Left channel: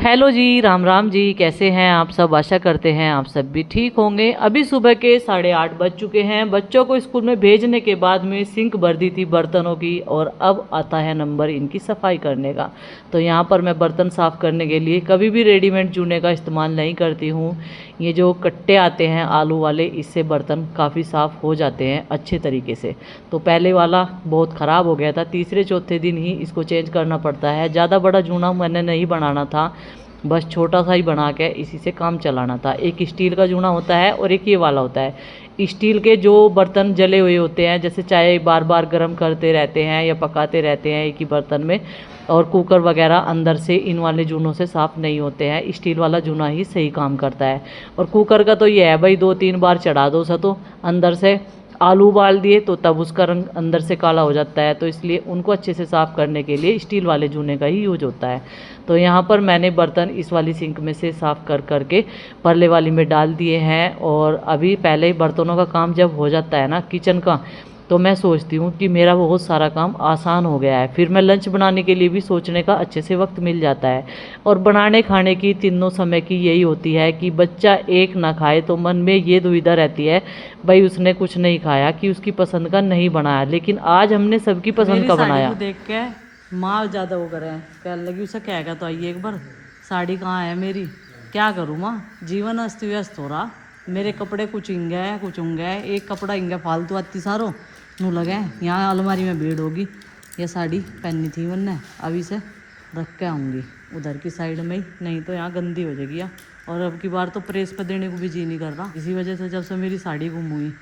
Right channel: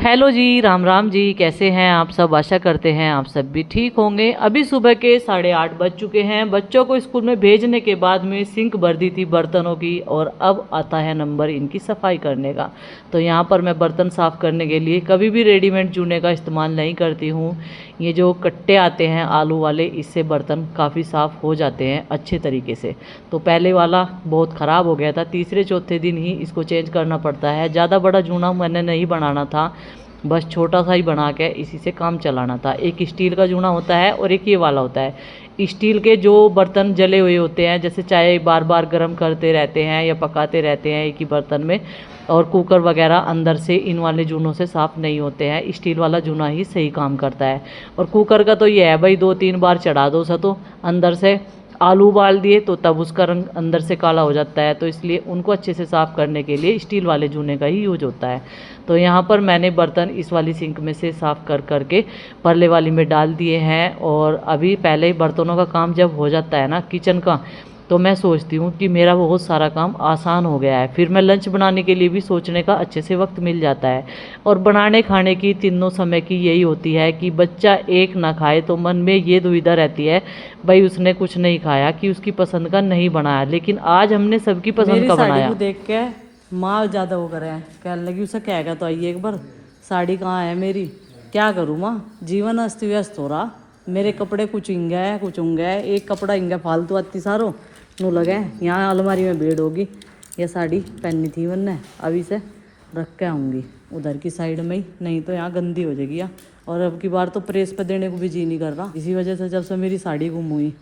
Hello जी, राम राम जी। कैसे हैं आप सब? आशा करते हैं आप सब भी ठीक होंगे। अभी सुबह के 8:30 बज चुके हैं। बच्चों को स्कूल में भेजने के बाद में सिंक भर दी थी बर्तनों की, और अब आता है नंबर इनकी सफाई करने का। तो यहाँ पर मैं बर्तन साफ़ करने के लिए कभी भी रेडीमेड जूने का इस्तेमाल नहीं करती हूँ। ये जो कट्टे आते हैं आलू वाले, इससे बर्तन काफ़ी साफ़ हो जाते हैं अच्छे तरीके से। तो पहले वाला बहुत ख़राब हो गया था, तीसरे चौथे दिन ही इसको चेंज करना पड़ता है। ज़्यादा बड़ा जूना मैंने नहीं बनाना था, बस छोटा सा ही बना के इसी से काम चलाना था। एक स्टील का जूना होता है और एक ये वाला होता है। स्टील के जो बर्तन जले हुए होते हैं, जैसे चाय बार बार गर्म करते रहते हैं या पकाते रहते हैं एक ही बर्तन में, और कुकर वगैरह अंदर से इन वाले जूनों से साफ़ नहीं होते हैं। स्टील वाला जूना ही सही काम करता है। और कुकर का तो ये है भाई, 2-3 बार चढ़ा दो सा तो अंदर से आलू उबाल दिए तो तब उसका रंग अंदर से काला हो जाता है। तो इसलिए उनको अच्छे से साफ़ करने के लिए स्टील वाले जूने का ही यूज होता है। तो यहाँ पर मैंने बर्तन इस वाली सिंक में से साफ़ करके परले वाली में डाल दिए हैं। और अभी पहले बर्तनों का काम जब हो जाता है ना किचन का, तो मैं सोचती हूँ कि मेरा बहुत सारा काम आसान हो गया है। फिर मैं लंच बनाने के लिए भी सोचने का अच्छे से वक्त मिल जाता है। और बनाने खाने की तीनों समय की यही होती है कि बच्चा एक ना खाए तो मन में ये दुविधा रहती है, भाई उसने कुछ नहीं खाया कि उसकी पसंद का नहीं बनाया। लेकिन आज हमने सबकी पसंद का बनाया। को देख के माँ ज़्यादा वो करे, कहने लगी उसे कहेगा तो आइए एक बार, साड़ी कहाँ है मेरी, क्या करूँ माँ, जीवन अस्त व्यस्त हो रहा। मेरे कपड़े कुछ इंगे है कुछ उंगे है, एक कपड़ा इंगे फालतू आती सारो नू लगे। यहाँ अलमारी में भीड़ होगी। ये साड़ी पहननी थी मैंने, अभी से रख के आऊँगी उधर की साइड में ही, नहीं तो यहाँ गंदी हो जाएगी। और अब की बार तो प्रेस पे देने को भी जी नहीं कर रहा, इसी वजह से जब से मेरी साड़ी गुम हुई।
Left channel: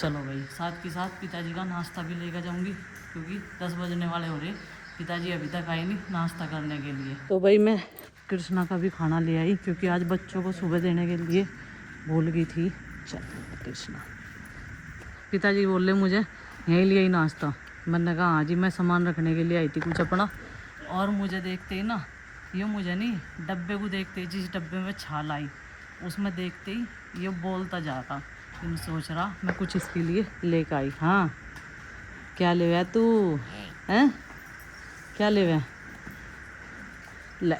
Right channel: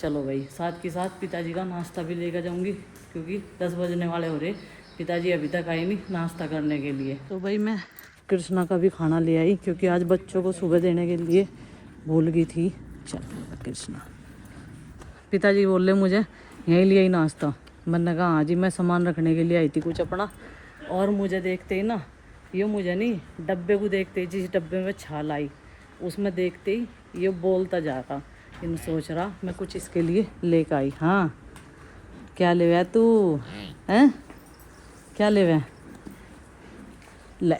चलो भाई, साथ के साथ पिताजी का नाश्ता भी लेकर जाऊँगी, क्योंकि 10 बजने वाले हो रहे, पिताजी अभी तक आए नहीं नाश्ता करने के लिए। तो भाई मैं कृष्णा का भी खाना ले आई, क्योंकि आज बच्चों को सुबह देने के लिए भूल गई थी। चलो कृष्णा, पिताजी बोल रहे मुझे यहीं लिए ही नाश्ता। मैंने कहा हाँ जी, मैं सामान रखने के लिए आई थी कुछ अपना। और मुझे देखते ही ना, ये मुझे नहीं, डब्बे को देखते ही, जिस डब्बे में छाल आई उसमें देखते ही ये बोलता जा रहा। इन सोच रहा मैं कुछ इसके लिए लेकर आई। हाँ, क्या ले गया तू? हैं, क्या ले गया? ले,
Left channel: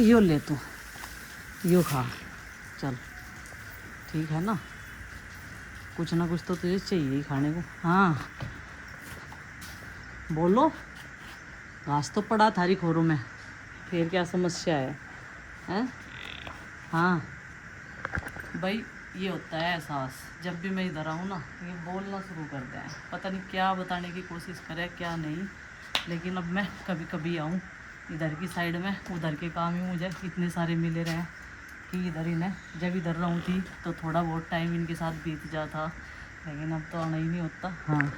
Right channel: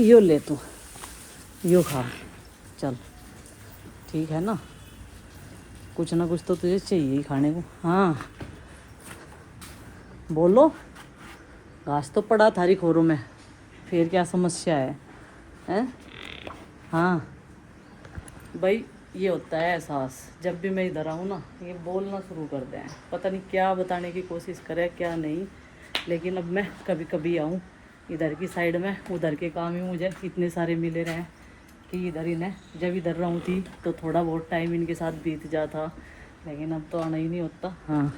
यो ले तू, यो खा। चल ठीक है ना, कुछ ना कुछ तो तुझे चाहिए ही खाने को। हाँ बोलो, घास तो पड़ा थारी खोरों में, फिर क्या समस्या है? हैं? हाँ भाई, ये होता है एहसास, जब भी मैं इधर आऊँ ना, ये बोलना शुरू कर दें। पता नहीं क्या बताने की कोशिश करे क्या नहीं, लेकिन अब मैं कभी कभी आऊँ इधर की साइड में, उधर के काम ही मुझे इतने सारे मिले रहे कि इधर ही ने, जब इधर रहूँ थी तो थोड़ा बहुत टाइम इनके साथ बीत जाता, लेकिन अब तो आना ही नहीं होता। हाँ,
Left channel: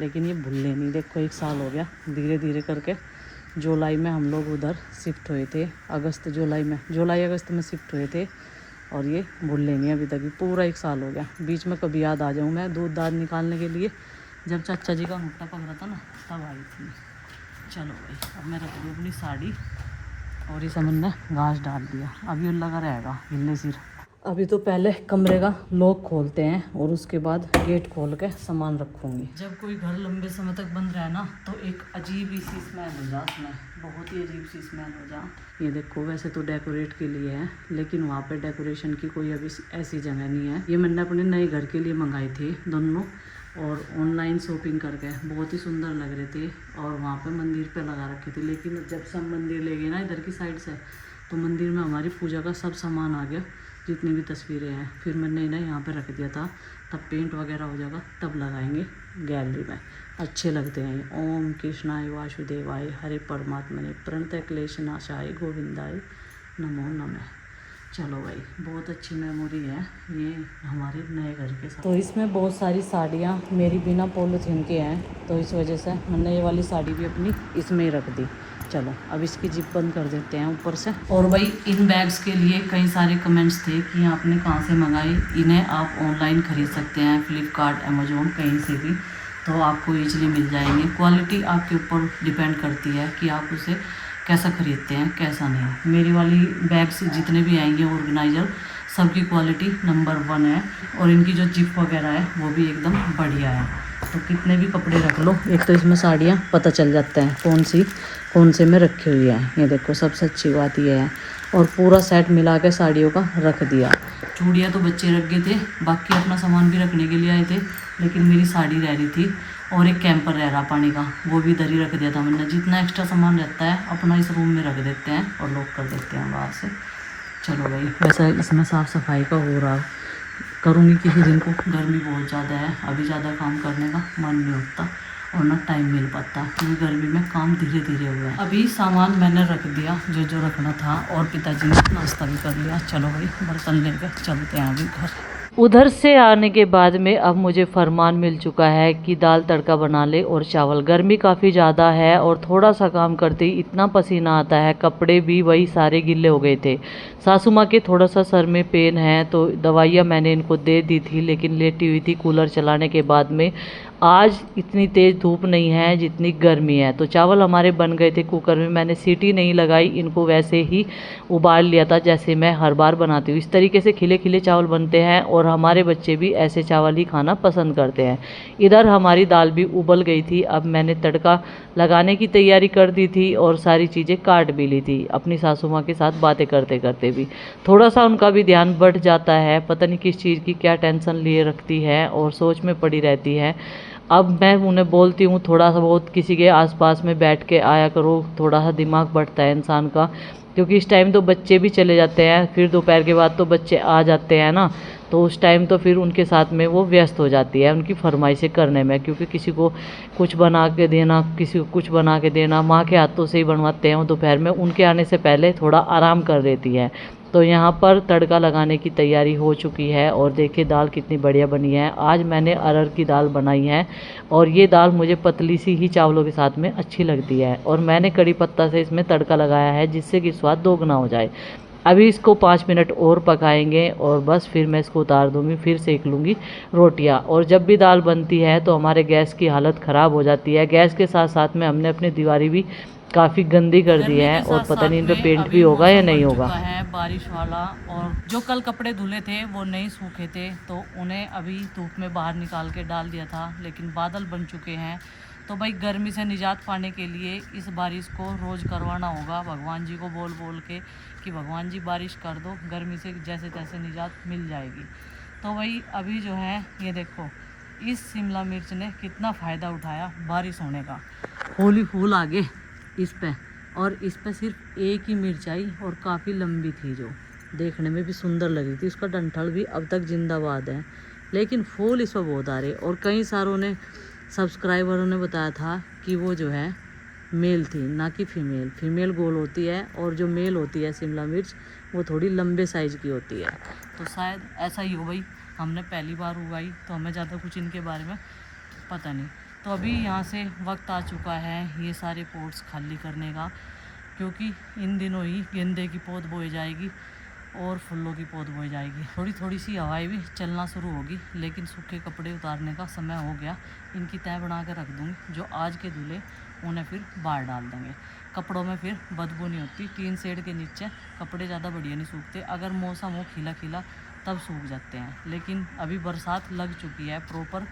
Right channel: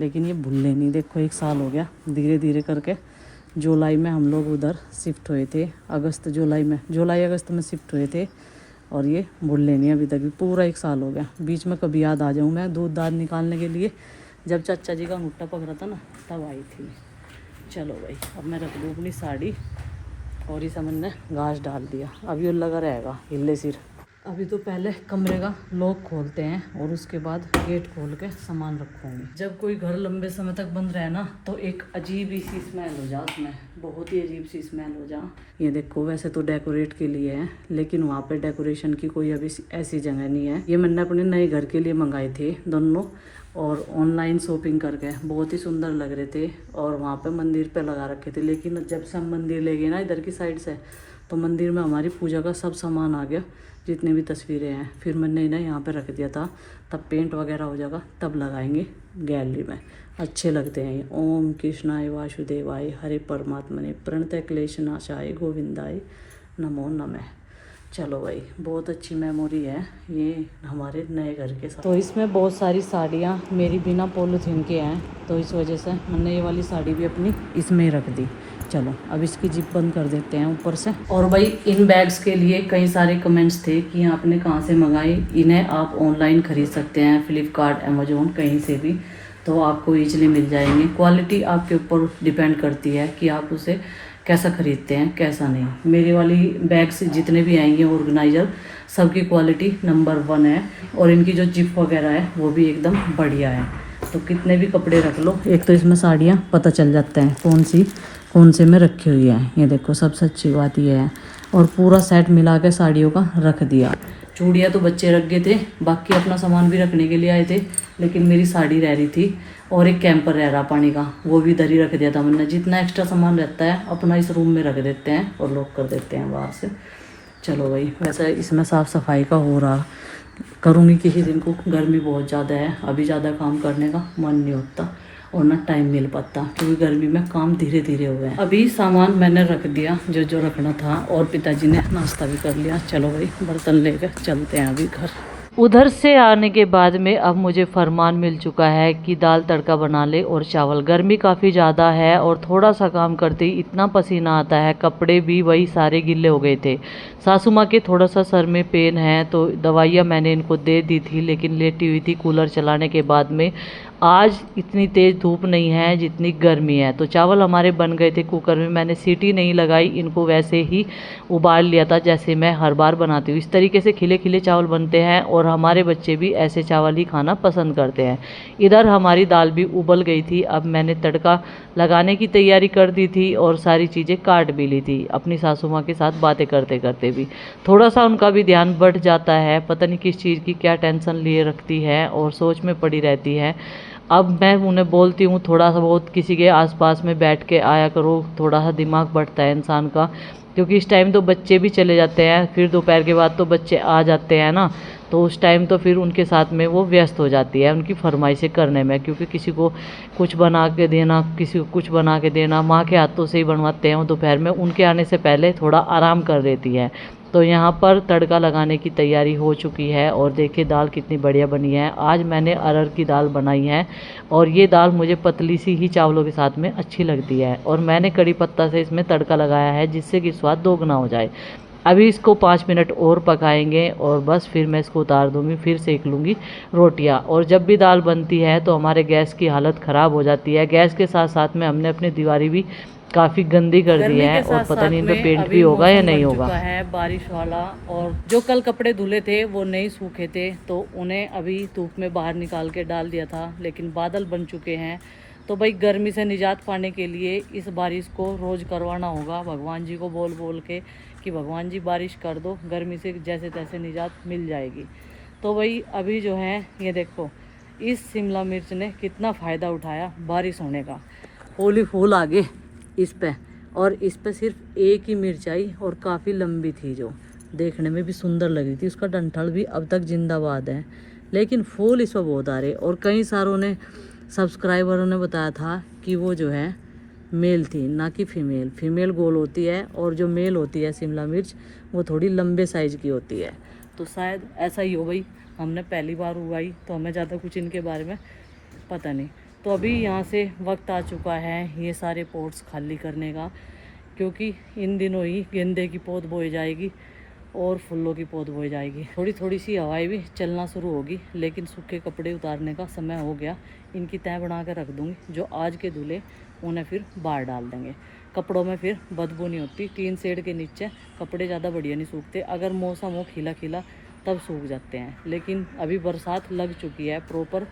लेकिन ये भूलने नहीं, देखो 1 साल हो गया धीरे धीरे करके। जुलाई में हम लोग उधर शिफ्ट हुए थे, जुलाई अगस्त में शिफ्ट हुए थे, और ये भूलने नहीं अभी तक भी। पूरा 1 साल हो गया। बीच में कभी याद आ जाऊँ मैं दूध दाद निकालने के लिए, जब चाचा जी का मुट्ठा पकड़ा था ना, तब आई थी। चलो भाई, अब मैं रख दूँ अपनी साड़ी, और इसे मैंने घास डाल दिया, अब ये लगा रहेगा हिले सिर। अभी तो पहले कमरे का लॉक खोलते हैं, और उसके बाद गेट खोल के सामान रखूँगी। जब कोई घर लंबे समय तक बंद रहे ना, तो एक अजीब ही सी स्मेल हो जा उसमें, बहुत ही अजीब सी स्मेल हो जा। ये देखो, वैसे तो डेकोरेट के लिए है, लेकिन वहाँ पे डेकोरेशन की कोई अभी ऐसी जगह नहीं है। ये मैंने अपने नए घर के लिए मंगाए थे दोनों, और ऑनलाइन शॉपिंग करके बहुत ही सुंदर लग रहे थे, और वहाँ पे मंदिर पे लगा रखे थे। लेकिन जब से हम मंदिर ले गए ना इधर की साइड से, तो मंदिर में हमारी पूजा का सब सामान आ गया, जितनी भी तस्वीरें हैं। फिर मैंने इन्हें यहाँ पे रख दिया था, तब पेंट वगैरह हो जाएगा तब लगाएंगे गैलरी में, अच्छे लगते हैं। ओम कृष्णाय वासुदेवाय हरे परमात्मने प्रणतः क्लेश नाशाय गोविंदाय नमो नमः। चलो भाई, बहुत अच्छी मेमोरी है ये हमारे नए घर के साथ। तो इसमें बहुत सारी साड़ियाँ मेरी बिना पॉलीथीन के हैं, तो इस वजह से मैंने ये वाली साड़ी भी अपनी इसमें ही रख दी। चलो अब इसकी जिप बंद कर देते हैं ऊपर से। और भाई, इन बैग्स के लिए कई सारे कमेंट्स थे कि आपने कहाँ से मंगाए। इन्हें आप ऑनलाइन ख़रीद सकते हैं, फ्लिपकार्ट, अमेजोन, कहीं से भी, तो आपको ईजिली मिल जाएंगे। क्वालिटी आपके ऊपर डिपेंड करती है कि आप उसे कैसा ख़रीदते हैं कैसा नहीं। मेरे वाली बैग्स जितने भी आएंगे ऑर्गेनाइजर, सबकी क्वालिटी नंबर 1 है, और इनकी जो जिप वगैरह है वो भी एकदम बढ़िया है। तो कितने भी कपड़े रख लो, एक तो इसमें साड़ियाँ पता चल जाता है कौन सी कौन से में रखी हुई है। ये देखो सबसे अच्छी बात ये है। और पूरा सेट मिला के साड़ियों का रख दिया। चूड़ियाँ तो बच्चे रख गए थे, बाकी अपना सामान भी रखने के लिए आए थे, लेकिन मेरी साड़ी रह रही थी और एक कैंपर रह रहा पानी का, वो भी इधर ही रख दिया था मैंने। जितना एक्स्ट्रा सामान रहता है अपना इस रूम में रख देते हैं और लॉक कर देते हैं बाहर से। चलो भाई, वैसे इसमें साफ़ सफाई का हो रहा, करूँगी किसी दिन को। गर्मी बहुत ज़्यादा है, अभी ज़्यादा काम करने का मन नहीं होता और ना टाइम मिल पाता, क्योंकि गर्मी में काम धीरे धीरे हो गए। अभी सामान मैंने रख दिया जो जो रखना था, और पिताजी ने नाश्ता भी कर लिया। चलो भाई, बर्तन लेकर चलते हैं अभी घर। उधर से आने के बाद में अब मुझे फरमान मिल चुका है कि दाल तड़का बना ले और चावल। गर्मी काफ़ी ज़्यादा है और थोड़ा सा काम करते ही इतना पसीना आता है, कपड़े भी वही सारे गीले हो गए थे। सासू माँ के थोड़ा सा सर में पेन है तो दवाइयाँ मैंने इनको दे दी थी, लेकिन लेटी हुई थी कूलर चलाने के बाद में। आज इतनी तेज़ धूप नहीं है जितनी गर्मी है। तो चावल हमारे बन गए थे कुकर में, मैंने सीटी नहीं लगाई, इनको वैसे ही उबाल लिया था जैसे मैं हर बार बनाती हूँ। इस तरीके से खिले खिले चावल बनते हैं और हमारे बच्चे भी ऐसे चावल ही खाना पसंद करते हैं। इधर हमारी दाल भी उबल गई थी। अब मैंने तड़का लगाने की तैयारी कर दी थी और सारी चीज़ें काट भी ली थी, अपनी सासू माँ के साथ बातें करते करते भी। थोड़ा सा उनका भी ध्यान बढ़ जाता है, पता नहीं किस चीज़ की क्या टेंशन लिए रखती है और सोच में पड़ी रहती है। अब मैं उन्हें बोलती हूँ थोड़ा सा बहुत किसी के आसपास में बैठ के आया करो, थोड़ा सा दिमाग बढ़ता है इंसान का, क्योंकि इस टाइम तो बच्चे भी चले जाते हैं, फिर दोपहर के बाद तो बच्चे आ जाते हैं ना, तो उस टाइम तो फिर उनके साथ में वो व्यस्त हो जाती है उनकी फरमाइशें करने में, क्योंकि किसी को कुछ बना के देना, किसी को कुछ बना के देना, माँ के हाथों से ही बनवाते हैं वो दोपहर में, उनके आने से पहले थोड़ा आराम कर देती है। तो यहाँ पर तड़का लगाने की तैयारी हो चुकी है और देखिए दाल कितनी बढ़िया बनी है। आज मैंने अरहर की दाल बनाई है और ये दाल मुझे पतली सी ही चावलों के साथ में अच्छी लगती है, और मैंने कड़ी पत्ता से इसमें तड़का लगाया है जिससे कि स्वाद दोगुना हो जाए। अभी इसको 5 मिनट और पकाएंगे और बस फिर मैं इसको उतार दूँगी, फिर सेक लूँगी रोटियाँ। और जब भी दाल बनती है तो हमारे गैस की हालत ख़राब हो जाती है। गैस के साथ साथ में हमने अपनी दीवारी भी काफ़ी गंदी कर दी है और पता नहीं इन पे पेंट भी होगा या नहीं होगा। है बारिश वाला, और जो कल कपड़े धुले थे वो नहीं सूखे थे तो उन्हें अभी धूप में बाहर निकाल के डाल दिया था, लेकिन बादल बन चुके हैं। तो भाई गर्मी से निजात पाने के लिए इस बारिश को रोज़ करवाना होगा, भगवान जी को बोल बोल के कि भगवान जी बारिश कर दो, गर्मी से जैसे तैसे निजात मिल जाएगी। तो भाई अभी जो है ये देखो, इस शिमला मिर्च ने कितना फ़ायदा उठाया बारिश होने का। फूल ही फूल आगे इस पे, और इस पे सिर्फ एक ही मिर्च आई और काफ़ी लंबी थी, जो देखने में भी सुंदर लगी थी। उसका डंठल भी अब तक जिंदाबाद है, लेकिन फूल इस पर बहुत आ रहे। और कई सारों ने सब्सक्राइबरों ने बताया था कि वो जो है मेल थी, ना कि फीमेल। फीमेल गोल होती है और जो मेल होती है शिमला मिर्च वो थोड़ी लंबे साइज़ की होती है। तो शायद ऐसा ही हो भाई, हमने पहली बार उगाई तो हमें ज़्यादा कुछ इनके बारे में पता नहीं। तो अभी यहाँ से वक्त आ चुका है ये सारे पॉट्स खाली करने का, क्योंकि इन दिनों ही गेंदे की पौध बोई जाएगी और फूलों की पौध बोई जाएगी। थोड़ी थोड़ी सी हवाएं भी चलना शुरू होगी, लेकिन सूखे कपड़े उतारने का समय हो गया। इनकी तय बना कर रख दूँगी, जो आज के धुले उन्हें फिर बाहर डाल देंगे। कपड़ों में फिर बदबू नहीं होती, टीन शेड के नीचे कपड़े ज़्यादा बढ़िया नहीं सूखते। अगर मौसम हो खिला खिला तब सूख जाते हैं, लेकिन अभी बरसात लग चुकी है प्रॉपर,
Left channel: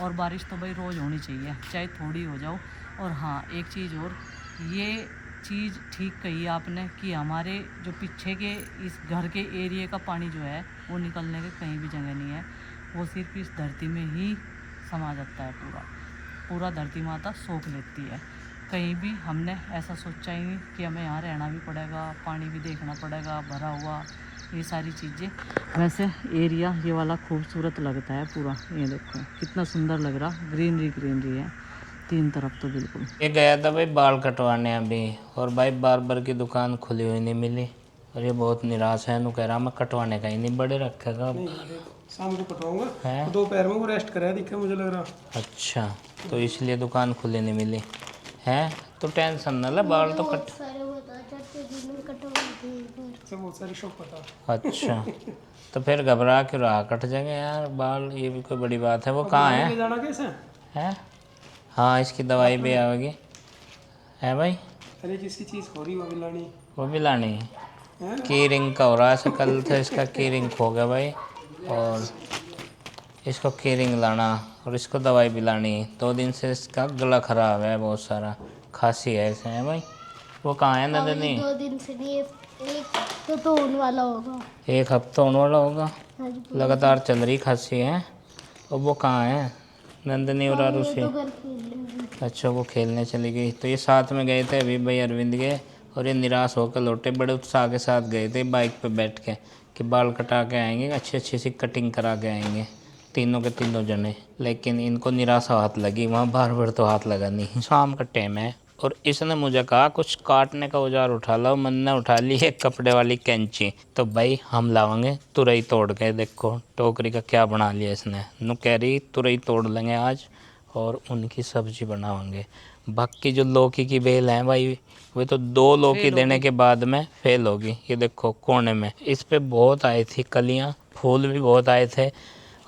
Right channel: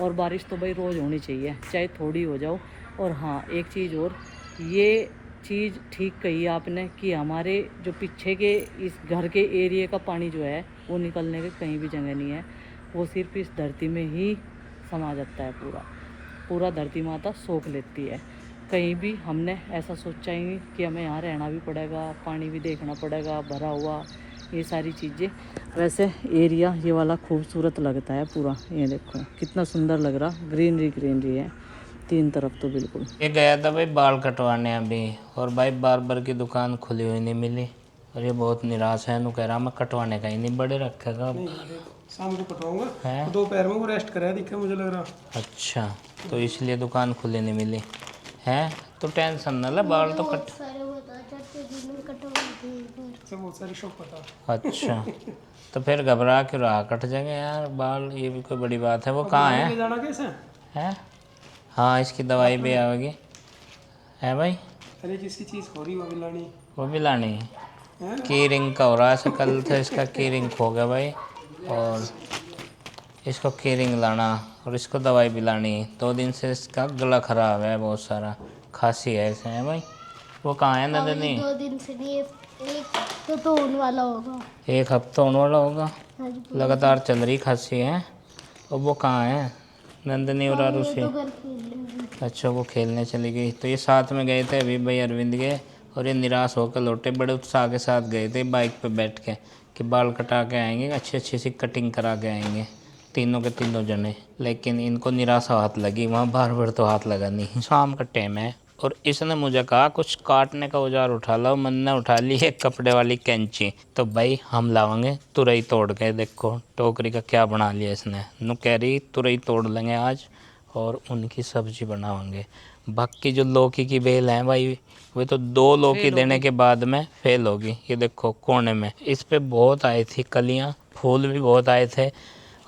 और बारिश तो भाई रोज़ होनी चाहिए, चाहे थोड़ी हो जाओ। और हाँ, एक चीज़ और, ये चीज़ ठीक कही आपने कि हमारे जो पीछे के इस घर के एरिया का पानी जो है वो निकलने के कहीं भी जगह नहीं है, वो सिर्फ इस धरती में ही समा जाता है। पूरा धरती माता सोख लेती है। कहीं भी हमने ऐसा सोचा ही नहीं कि हमें यहाँ रहना भी पड़ेगा, पानी भी देखना पड़ेगा भरा हुआ, ये सारी चीज़ें। वैसे एरिया ये वाला खूबसूरत लगता है पूरा, ये देखो कितना सुंदर लग रहा, ग्रीनरी ग्रीनरी है तीन तरफ तो बिल्कुल। ये गया था भाई बाल कटवाने अभी, और भाई बार्बर की दुकान खुली हुई नहीं मिली, और ये बहुत निराश है। नु कह रहा मैं कटवाने का ही नहीं बड़े रखेगा, शाम को कटवाऊंगा है दोपहर में वो रेस्ट कराया दिखा मुझे लग रहा। अच्छा, तो इसलिए दुकान खुली नहीं मिली है। तो टेंशन न ले, बाल तो कट बहुत सारी शौक पता। अच्छा तो फिर घबरा क्यों रहा, कट जाएंगे यार बाल, ये भी कोई बड़ी बात है। वो कहाँ है? जाना कैसे है? हाँ, इसकी दवाई भी आएगी है भाई। अरे जिसकी चीज़ हो रही वो भी लानी है। की रिंग का हो रहा है, कल था इसका की रिंग खो गया भाई, और इसको की रिंग लाना और इसको दवाई भी लानी। 2 दिन से इसका गला ख़राब है, बहुत सारा खांसी है इसे, है भाई। वो कहाँ है नंदनी? 2 दिन से नहीं, एक तो होने वाला होगा। 1 हफ्ता होने वाला होगा। हाँ जी, लगातार चल रही खांसी है। और वो कहाँ है नंदनी और ये आरुषि? तो घर खेल अच्छा, वो खेलने चली गई। तो ये साथ में गए थे अभी भाई अरविंद के, और ये निराश होकर लौटे। बड़े उत्साह के साथ गए थे बाइक पे बैठ के कि बाल कटा के आएंगे, अच्छी अच्छी सी कटिंग करा के आएंगे, तीनों के तीनों जने। लेकिन इनको निराशा हाथ लगी, वहाँ बार बार तो हाथ लगा नहीं। शाम का टाइम है और इसने मुझे कहा कुछ काटने का औजार उठा लो। मन ने उठा ली एक कपड़े वाली कैंची। तो भाई हम लावांगे तुरई तोड़ के। देखो टोकरी का क्या बना लिया इसने। नु कह रही तुरई तोड़ लेंगे आज और उनकी सब्जी बनाएंगे। बाकी जो लौकी की बेल है भाई, वे तो 2 लौकी देने के बाद में फेल होगी। ये देखो कोने में इस पे बहुत आई थी कलियां, फूल भी बहुत आए थे।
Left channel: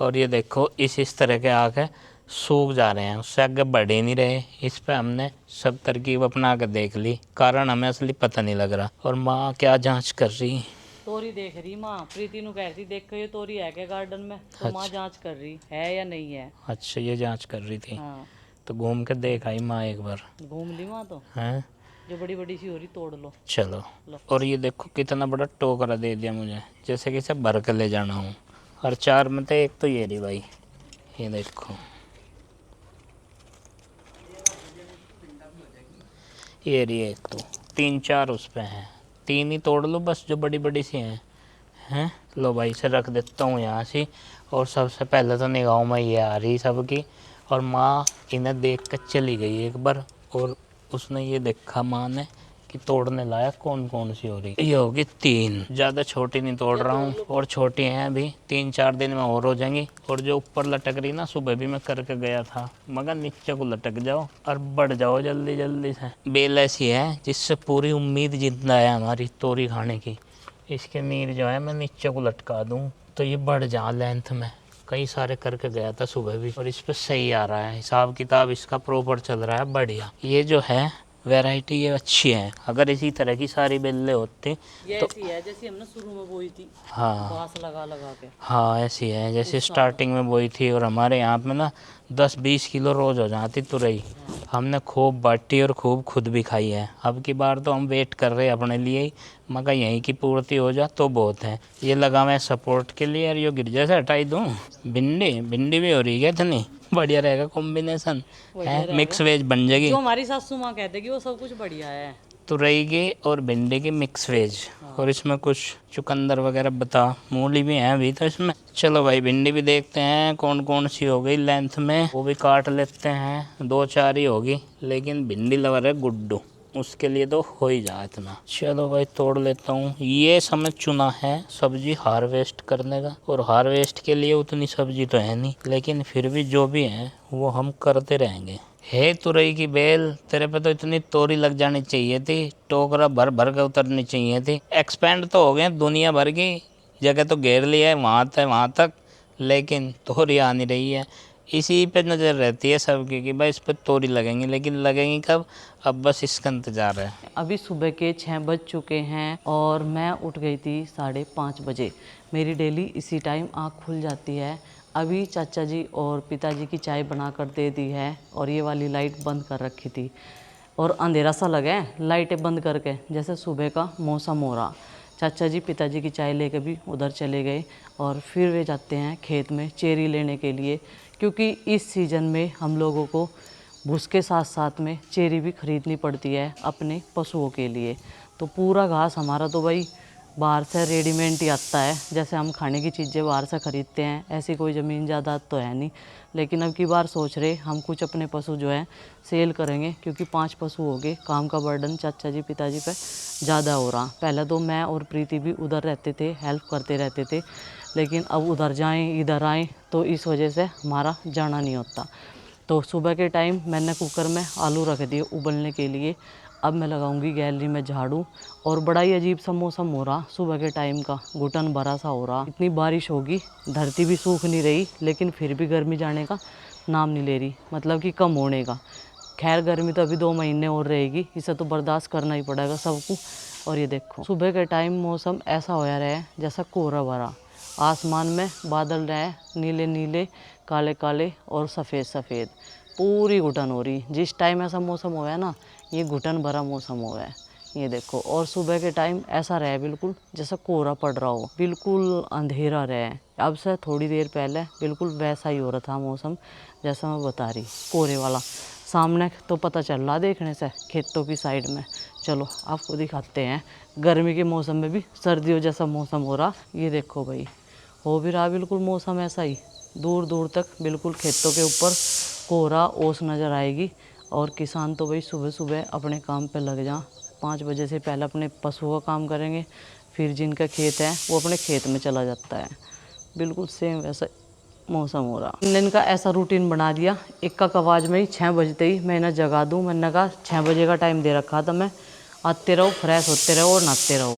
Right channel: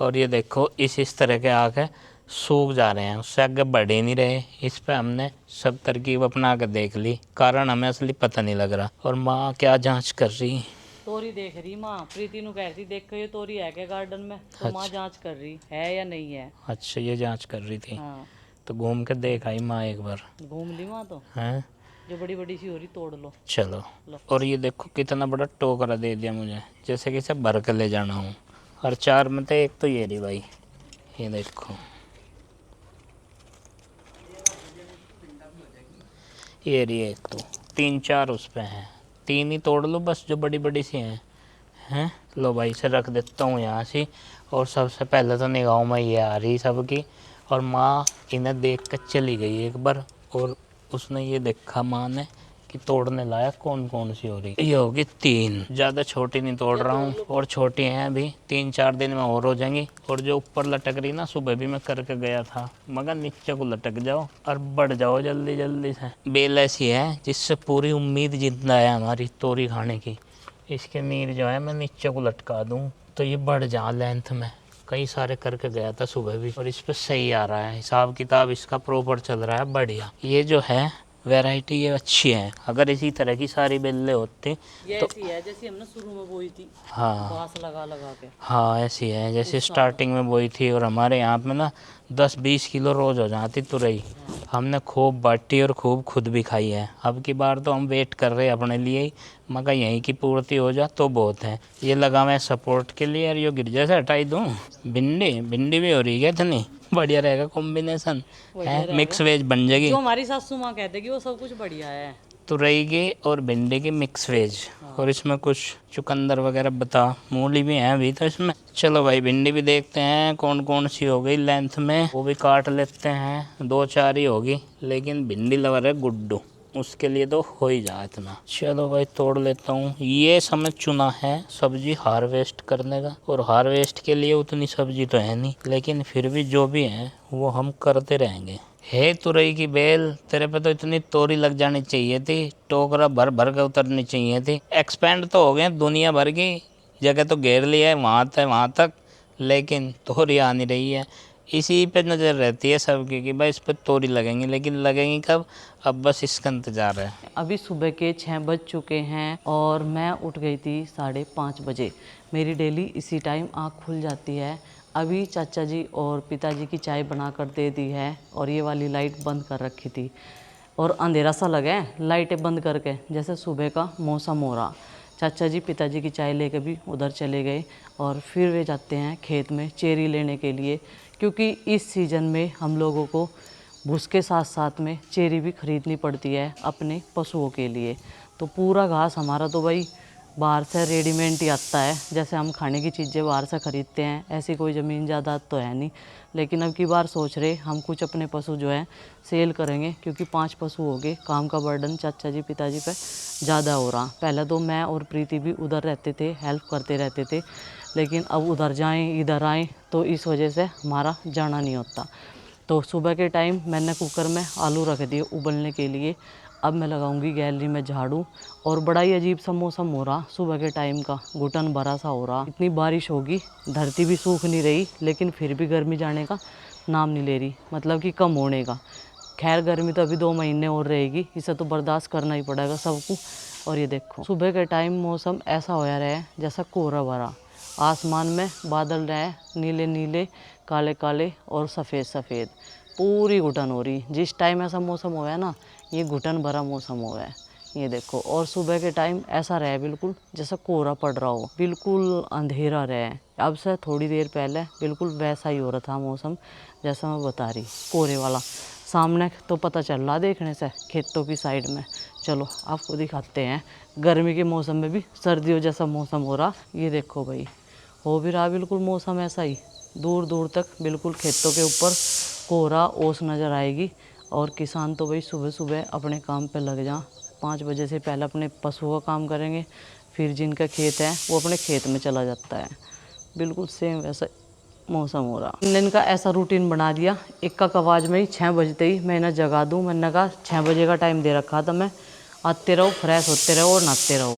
और ये देखो इस तरह के आके सूख जा रहे हैं, उससे आगे बढ़ ही नहीं रहे। इस पे हमने सब तरकीब अपना के देख ली, कारण हमें असली पता नहीं लग रहा। और माँ क्या जांच कर रही? तोरी देख रही माँ। प्रीति नु कह रही देख ये तोरी है क्या गार्डन में, तो माँ जांच कर रही है या नहीं है। अच्छा, ये जांच कर रही थी। हाँ, तो घूम के देख आई माँ एक बार। घूम ली माँ तो। हैं, जो बड़ी बड़ी सी हो रही तोड़ लो। चलो। और ये देखो कितना बड़ा टोकरा दे दिया मुझे, जैसे कि इसे भर के ले जाना हूँ। और 4 में तो एक तो ये रही भाई, ये देखो ये रही एक। तो 3-4 उस पे हैं, 3 ही तोड़ लो बस जो बड़ी बड़ी सी हैं। लो भाई इसे रख देता हूँ यहाँ से। और सबसे पहले तो निगाहों में ये आ रही सबकी। और माँ इन्हें देख कर चली गई एक बार, और उसने ये देखा माँ ने कि तोड़ने लायक कौन कौन सी हो रही। ये होगी 3, ज़्यादा छोटी नहीं तोड़ रहा हूँ, और छोटी हैं अभी, 3-4 दिन में और हो जाएंगी। और जो ऊपर लटक रही ना, सुबह भी मैं करके गया था, मगर नीचे को लटक जाओ और बढ़ जाओ जल्दी जल्दी से। बेल ऐसी है जिससे पूरी उम्मीद जिंदा है हमारी तोरी खाने की। इसके नीर जो है मैं नीचे को लटका दूँ तो ये बढ़ जा लेंथ में। कई सारे करके गया था सुबह भी, और इस पर सही आ रहा है, हिसाब किताब इसका प्रॉपर चल रहा है, बढ़िया। ये जो है वैरायटी ये अच्छी है। अगर इसी तरह की सारी बेलें होती ये तो ऐसी है जैसी हमने शुरू में बोई थी, हाँ घास लगा लगा के। हाँ ऐसी है जैसे स्टार्टिंग में बोई थी। और हमारे यहाँ पे ना 10-20 किलो रोज़ हो जाती तुरई। हमने खूब बाटी और खूब खुद भी खाई है। अब की बार तो हम वेट कर रहे हैं अपने लिए ही, मगर यहीं की पूर्ति हो जा तो बहुत है। ये लगा मैं सपोर्ट के लिए। और ये गिरजा से हटाई दूँ। भिंडी भी हो रही है इतनी बढ़िया रहेगा कॉम्बिनेशन है, मिक्स वेज बन जाएगी। जो हमारी सासू माँ कहते कि वो सब कुछ बढ़िया है। तुरई की और भिंडी की मिक्स वेज। और इसमें कुछ चुकंदर वगैरह बता, मूली भी है अभी तो इसमें। चलो भाई भिंडी भी देखते हैं कौन कौन सी हो गई लेंथ में, वो भी काट लेते हैं। 2-4 ही होगी, लेकिन भिंडी लवर है गुड्डू, उसके लिए तो हो ही जा इतना। चलो भाई तोड़ लेता हूँ। ये समय चुना है सब्जी हार्वेस्ट करने का, और हार्वेस्ट के लिए उतनी सब्जी तो है नहीं, लेकिन फिर भी जो भी है वो हम करते रहेंगे। हे तुरई की बेल, तेरे पे तो इतनी तोरी लग जानी चाहिए थी, टोकरा भर भर के उतरनी चाहिए थी। एक्सपेंड तो हो गए दुनिया भर की जगह, तो घेर लिया है वहाँ तक, लेकिन तोरी आ नहीं रही है। इसी पे नज़र रहती है सबकी कि भाई इस पर तोरी लगेंगी, लेकिन लगेंगी कब? अब बस इसका इंतज़ार है। अभी सुबह के 6 बज चुके हैं और मैं उठ गई थी 5:30 बजे। मेरी डेली इसी टाइम आँख खुल जाती है। अभी चाचा जी और पिताजी की चाय बना कर दे दी है, और ये वाली लाइट बंद कर रखी थी, और अंधेरा सा लगा है लाइटें बंद करके, जैसे सुबह का मौसम हो रहा। चाचा जी पिताजी की चाय लेके भी उधर चले गए, और फिर वे जाते हैं खेत में चेरी लेने के लिए, क्योंकि इस सीज़न में हम लोगों को भूस के साथ साथ में चेरी भी खरीदनी पड़ती है अपने पशुओं के लिए। तो पूरा घास हमारा तो भाई बाहर से रेडीमेड ही आता है, जैसे हम खाने की चीज़ें बाहर से ख़रीदते हैं, ऐसी कोई ज़मीन जायदाद तो है नहीं। लेकिन अब की बार सोच रहे हम कुछ अपने पशु जो है सेल करेंगे, क्योंकि 5 पशु हो गए, काम का बर्डन चाचा जी पिताजी पे ज़्यादा हो रहा। पहले तो मैं और प्रीति भी उधर रहते थे, हेल्प करते रहते थे, लेकिन अब उधर जाएं इधर आएँ तो इस वजह से हमारा जाना नहीं होता। तो सुबह के टाइम मैंने कुकर में आलू रख दिए उबलने के लिए। अब मैं लगाऊंगी गैलरी में झाड़ू। और बड़ा ही अजीब सा मौसम हो रहा सुबह के टाइम का, घुटन भरा सा हो रहा। इतनी बारिश होगी, धरती भी सूख नहीं रही, लेकिन फिर भी गर्मी जाने का नाम नहीं ले रही, मतलब कि कम होने का। खैर गर्मी तो अभी 2 महीने और रहेगी, इसे तो बर्दाश्त करना ही पड़ेगा सबको। और ये देखो सुबह के टाइम मौसम ऐसा होया रहा जैसा कोहरा भरा, आसमान में बादल रहे नीले नीले, काले काले और सफ़ेद सफ़ेद, पूरी घुटन हो रही। जिस टाइम ऐसा मौसम हुआ है ना, ये घुटन भरा मौसम हुआ है, ये देखो, और सुबह के टाइम ऐसा रहा है बिल्कुल जैसा कोहरा पड़ रहा हो, बिल्कुल अंधेरा रहा है। अब से थोड़ी देर पहले बिल्कुल वैसा ही हो रहा था मौसम जैसा मैं बता रही, कोहरे वाला। सामने तो पता चल रहा देखने से खेतों की साइड में। चलो आपको दिखाते हैं, गर्मी के मौसम में भी सर्दियों जैसा मौसम हो रहा। ये देखो भाई, हो भी रहा बिल्कुल मौसम ऐसा ही, दूर दूर तक बिल्कुल खेतों के ऊपर कोहरा ओस नज़र आएगी। और किसान तो भाई सुबह सुबह अपने काम पे लग जा, 5 बजे से पहले अपने पशुओं का काम करेंगे, फिर जिनका खेत है वो अपने खेत में चला जाता है। बिल्कुल सेम वैसा मौसम हो रहा। मैंने इनका ऐसा रूटीन बना दिया, एक आवाज़ में ही 6 बजते ही मैं इन्हें जगा दूँ। मैंने कहा 6 बजे का टाइम दे रखा था मैं, आते रहो, फ्रेश होते रहो और नहाते रहो।